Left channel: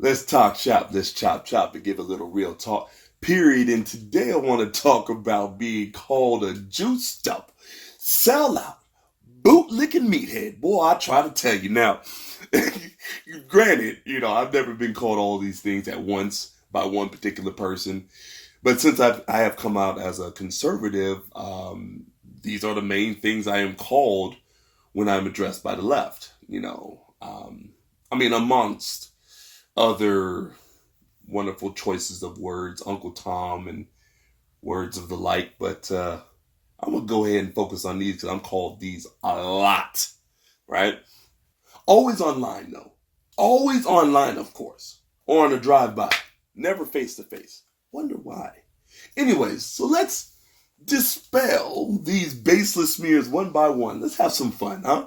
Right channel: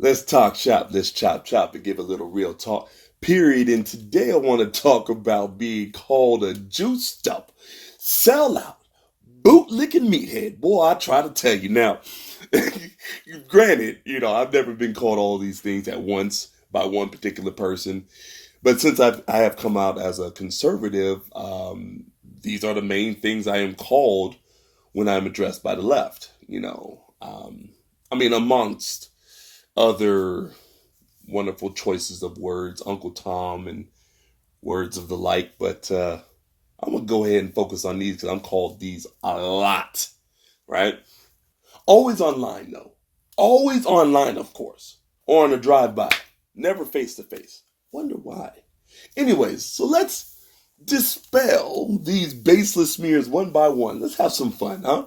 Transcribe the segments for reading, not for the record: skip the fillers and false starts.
Let's talk shop, let's chop chop and give a little real talk. Period. And today I want to talk about being called a juiced up, sellout, bootlicking meathead. Boy, I try to tell you now. Granted, I've never been called all these things at once by one particular person. But since I have come out as a conservative, these are the main things I am called when I'm addressed by the left. Amongst other wonderful choices of words, Uncle Tom and words of the like. But I'm going to go ahead and focus on these because I'm called these a lot, right? Always online, though. Always online, of course. Or on a drive-by. Never face-to-face. Wonder why. Anyways, so let's dispel these baseless smears one by one. Let's have some fun, huh?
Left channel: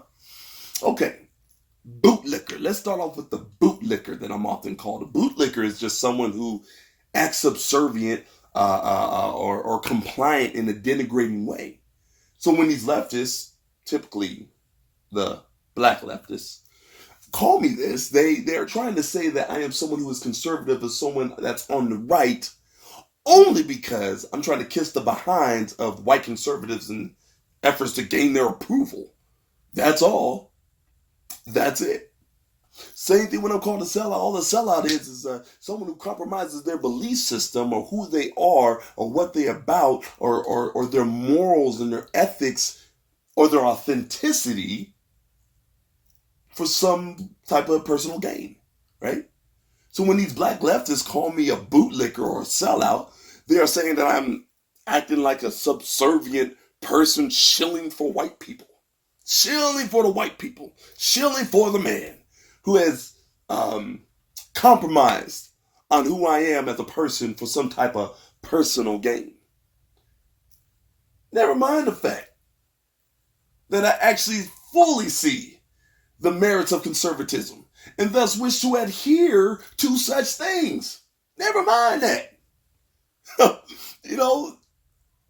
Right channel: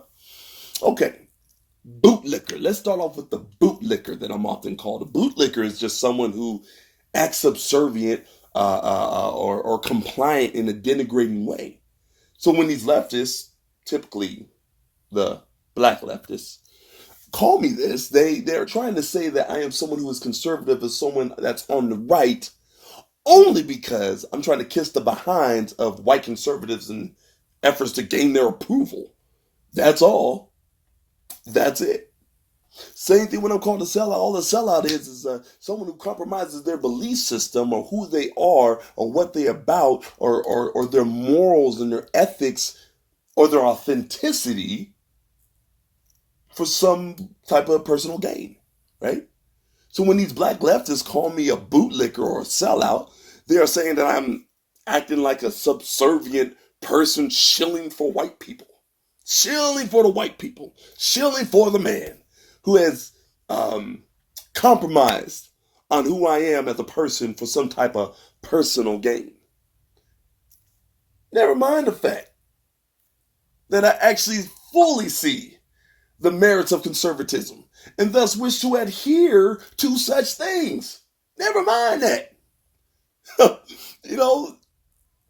Okay. Bootlicker. Let's start off with the bootlicker that I'm often called. A bootlicker is just someone who acts subservient or compliant in a denigrating way. So when these leftists, typically the black leftists, call me this, they're trying to say that I am someone who is conservative as someone that's on the right only because I'm trying to kiss the behinds of white conservatives in efforts to gain their approval. That's all. That's it. Same thing when I'm called a sellout. All a sellout is someone who compromises their belief system or who they are or what they're about or their morals and their ethics or their authenticity for some type of personal gain, right? So when these black leftists call me a bootlicker or a sellout, they are saying that I'm acting like a subservient person shilling for white people. Shilling for the white people. Shilling for the man who has compromised on who I am as a person for some type of personal gain. Never mind the fact that I actually fully see the merits of conservatism and thus wish to adhere to such things. Never mind that.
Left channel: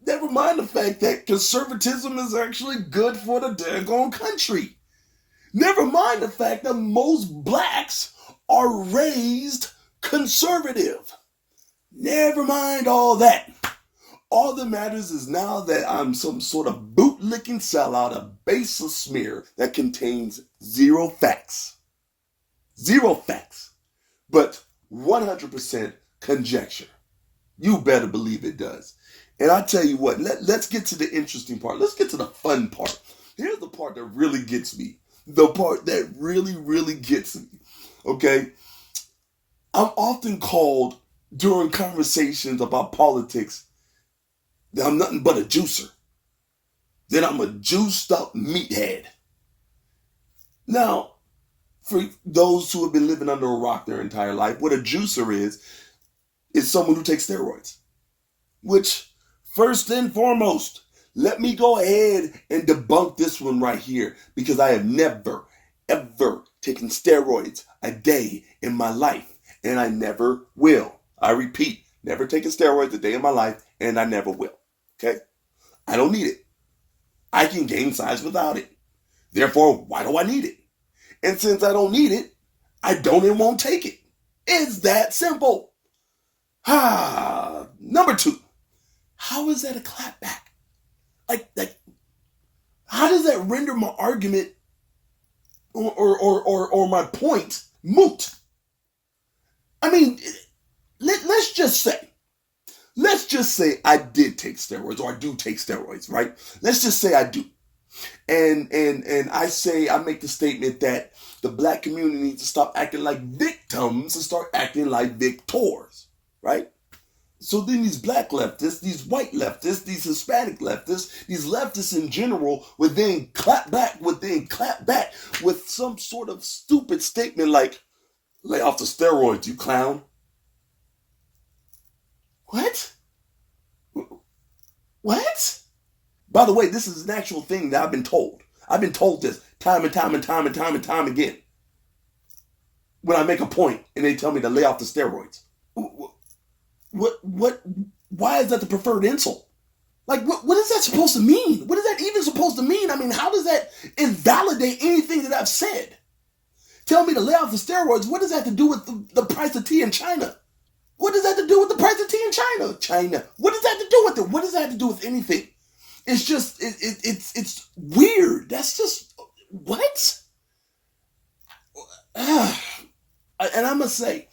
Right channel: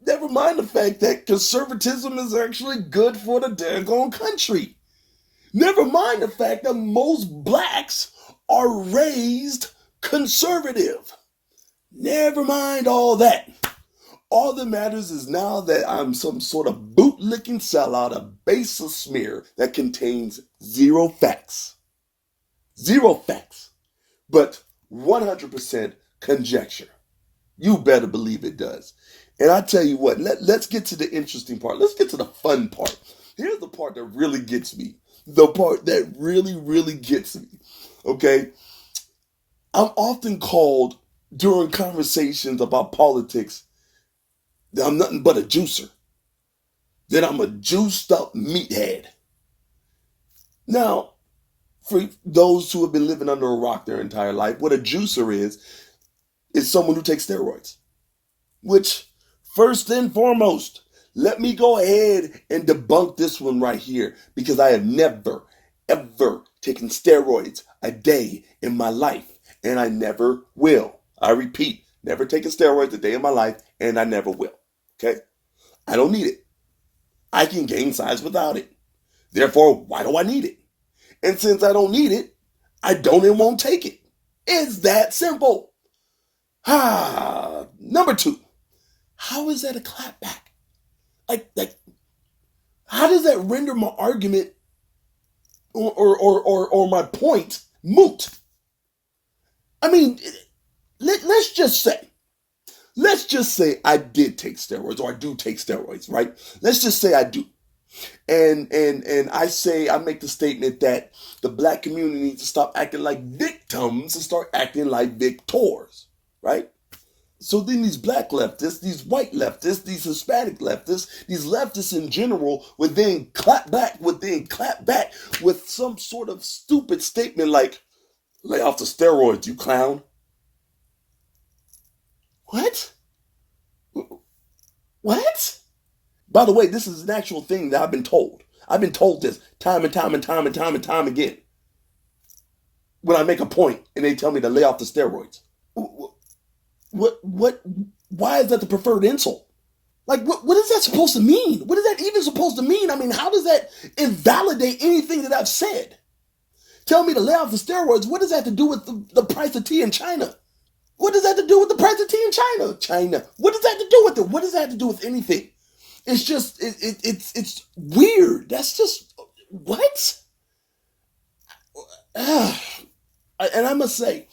Never mind the fact that conservatism is actually good for the daggone country. Never mind the fact that most blacks are raised conservative. Never mind all that. All that matters is now that I'm some sort of bootlicking sellout, a baseless smear that contains zero facts. Zero facts. But 100% conjecture. You better believe it does. And I tell you what, let's get to the interesting part. Let's get to the fun part. Here's the part that really gets me. The part that really, really gets me. Okay? I'm often called during conversations about politics that I'm nothing but a juicer. That I'm a juiced up meathead. Now, for those who have been living under a rock their entire life, what a juicer is someone who takes steroids. Which, first and foremost, let me go ahead and debunk this one right here because I have never, ever taken steroids a day in my life, and I never will. I repeat, never taken steroids a day in my life, and I never will. Okay? I don't need it. I can gain size without it. Therefore, why do I need it? And since I don't need it, I don't and won't take it. It's that simple. Number two. How is that a clapback? Like, how does that render my argument or my point moot? I mean, let's just say I did take steroids or I do take steroids, right? Let's just say I do. And I make the statement that the black community needs to stop acting like victims and start acting like victors, right? So then these black leftists, these white leftists, these Hispanic leftists, these leftists in general would then clap back with some sort of stupid statement like, lay off the steroids, you clown. What? What? By the way, this is an actual thing that I've been told. I've been told this time and time again. When I make a point and they tell me to lay off the steroids. Why is that the preferred insult? Like, what is that supposed to mean? What is that even supposed to mean? I mean, how does that invalidate anything that I've said? Tell me to lay off the steroids. What does that have to do with the price of tea in China? What does that have to do with the price of tea in China? China. What does that have to do with it? What does that have to do with anything? It's just, it's weird. That's just, what? And I must say,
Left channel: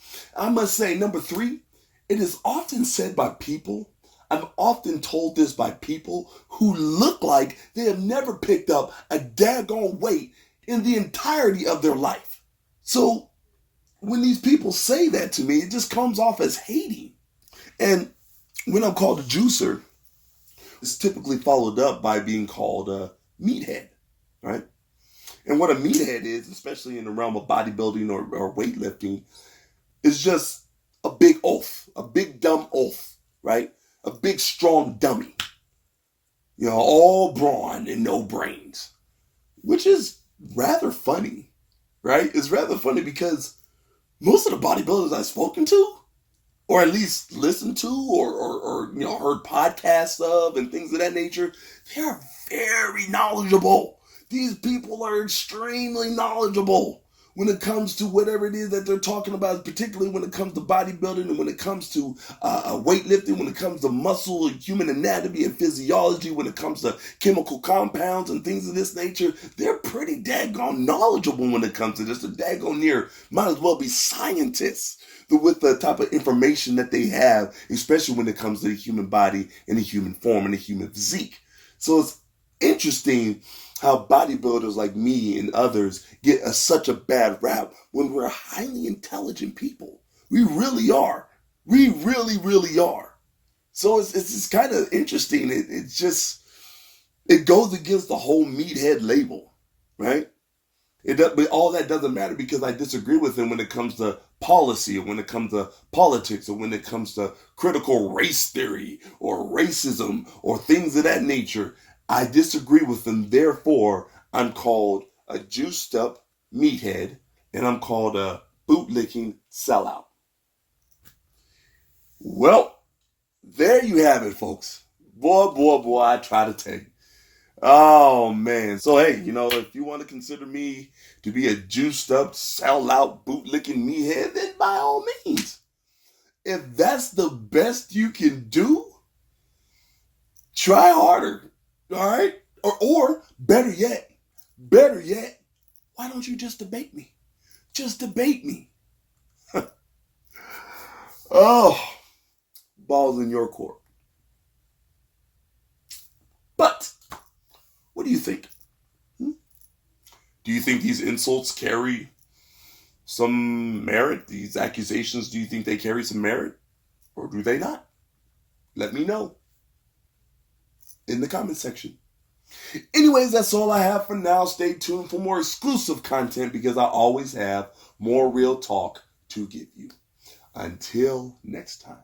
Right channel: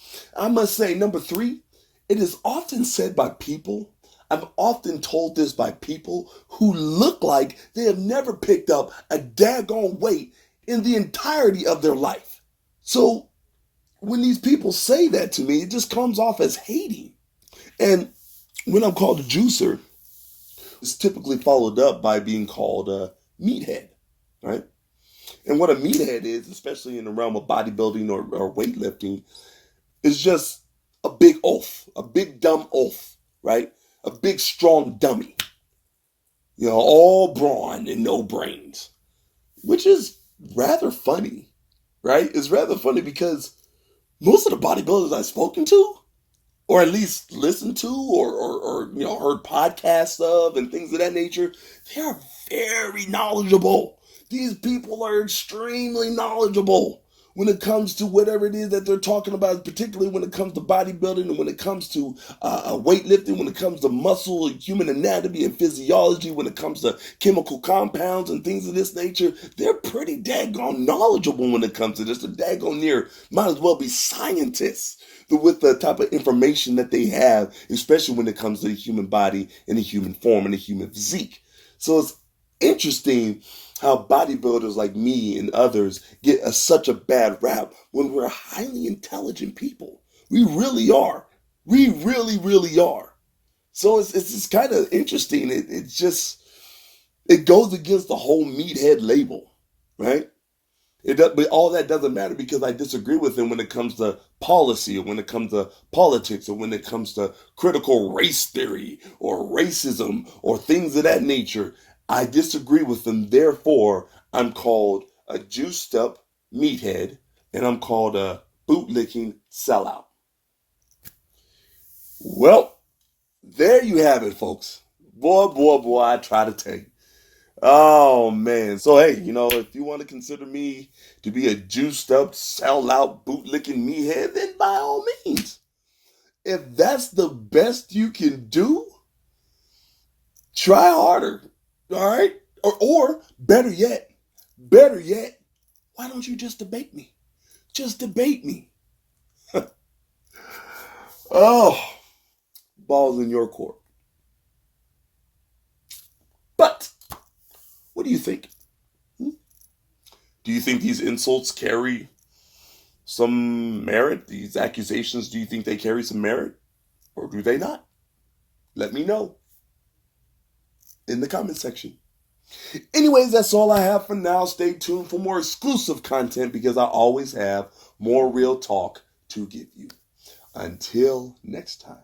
number three, it is often said by people, I'm often told this by people who look like they have never picked up a daggone weight in the entirety of their life. So when these people say that to me, it just comes off as hating. And when I'm called a juicer, it's typically followed up by being called a meathead, right? And what a meathead is, especially in the realm of bodybuilding or weightlifting, is just a big oaf, a big dumb oaf, right? A big strong dummy. You know, all brawn and no brains, which is rather funny, right? It's rather funny because most of the bodybuilders I've spoken to, or at least listened to, or you know, heard podcasts of and things of that nature, they are very knowledgeable. These people are extremely knowledgeable when it comes to whatever it is that they're talking about, particularly when it comes to bodybuilding and when it comes to weightlifting, when it comes to muscle and human anatomy and physiology, when it comes to chemical compounds and things of this nature. They're pretty daggone knowledgeable when it comes to this. They're daggone near, might as well be scientists with the type of information that they have, especially when it comes to the human body and the human form and the human physique. So it's interesting how bodybuilders like me and others get such a bad rap when we're highly intelligent people. We really are. We really, really are. So it's kind of interesting. It goes against the whole meathead label, right? But all that doesn't matter because I disagree with him when it comes to policy or when it comes to politics or when it comes to critical race theory or racism or things of that nature. I disagree with them. Therefore, I'm called a juiced up meathead and I'm called a bootlicking sellout. Well, there you have it, folks. Boy, I try to tell you. Oh, man. So, hey, you know, if you want to consider me to be a juiced up, sellout, bootlicking meathead, then by all means. If that's the best you can do, try harder. All right? Or better yet, why don't you just debate me? Just debate me. Oh, ball's in your court. But what do you think? Do you think these insults carry some merit? These accusations, do you think they carry some merit? Or do they not? Let me know in the comment section. Anyways, that's all I have for now. Stay tuned for more exclusive content because I always have more real talk to give you. Until next time.